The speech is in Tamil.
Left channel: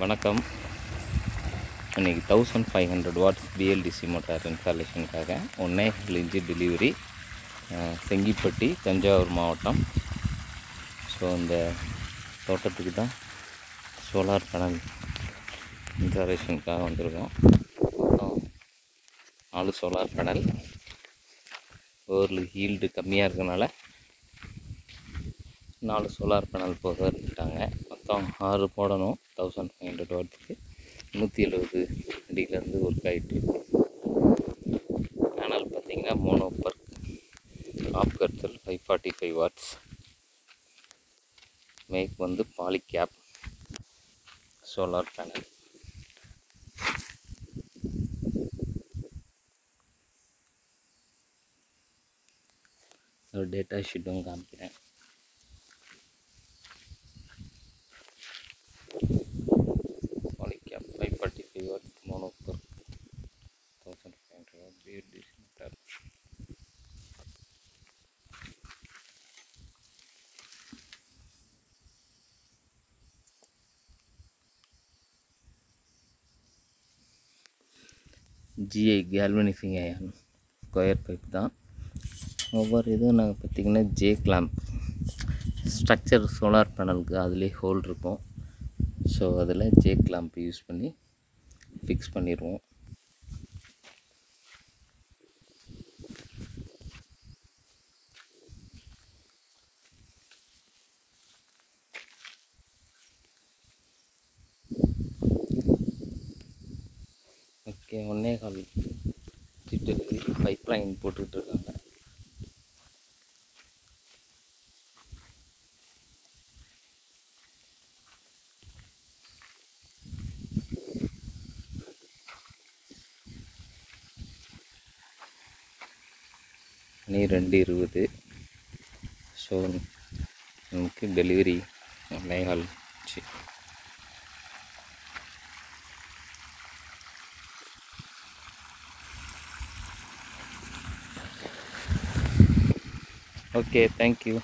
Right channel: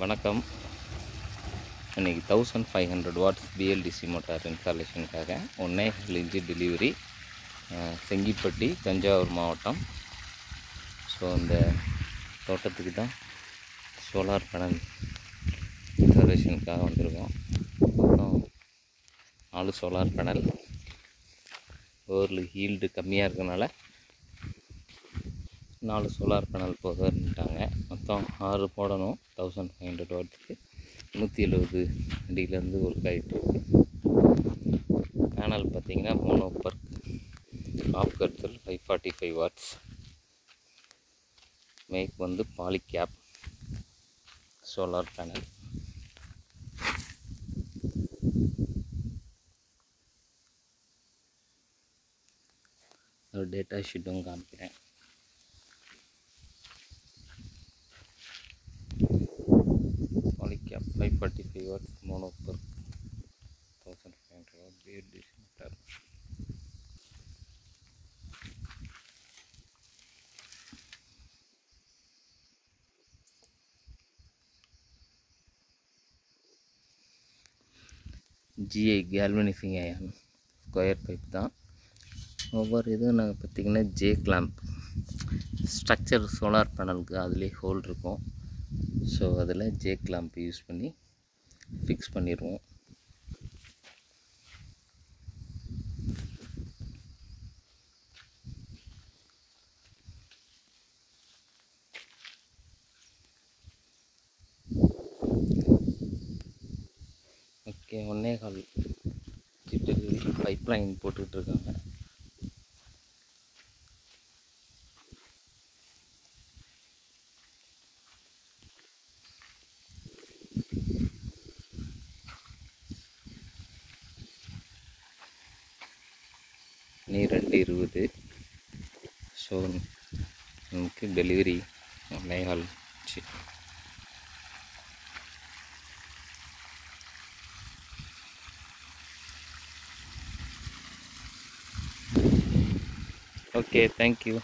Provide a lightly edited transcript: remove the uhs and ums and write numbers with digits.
வணக்கம். இன்றைக்கி 1500 வாட்ஸ் பிஎல்டிசி மோட்டார் இன்ஸ்டாலேஷனுக்காக 1.5 இன்ச்சு டெலிவரி செங்கிப்பட்டி தஞ்சாவூர் மாவட்டம். ஸோ இந்த தோட்டத்துக்கு தான் சோலார் பேனல் இன்ஸ்டாலேஷனுக்காக வந்திருக்கோம். மொத்தம் 4 சோலார் பேனல். ஒரு ஹீல்டு கம்மியாக இருக்கனால 4 சோலார் பேனல் போதுட்டாங்க. மொத்தம் 6 போடணும். 1500 வாட்ஸுக்கு 170 அடியிலேருந்து ஒர்க் ஆகிட்டுருக்கு. பேனல் பார்த்திங்கன்னா மோனோபர் ஆஃப் கர்த்தல் 545 வாட்ஸ். மேக் வந்து பாலிகேப் சோலார் பேனல். ஒரு டேட்டா ஷீட்டும் காமிக்கிறேன். Polycap 545 watts monoper 1500 watt BLDC motor. GI galvanizing iron square pipe தான். ஒவ்வொரு இதுவும் நாங்கள் பார்த்திங்கன்னா ஜே கிளாம்ப் ஸ்ட்ரக்சர் சோலார் பேனலுக்கு அதிலே ஹோல் இருக்கும். ஸோ அதில் ஜே கிளாம்ப் யூஸ் பண்ணி ஃபிக்ஸ் பண்ணிடுவோம். ஓகே, 1.25 டெலிவரி பைப் லைன் போட்டுக்கிட்டு இருக்காங்க. மணி 2:20. ஸோ நமக்கு டெலிவரி 1.25. Okay, thank you.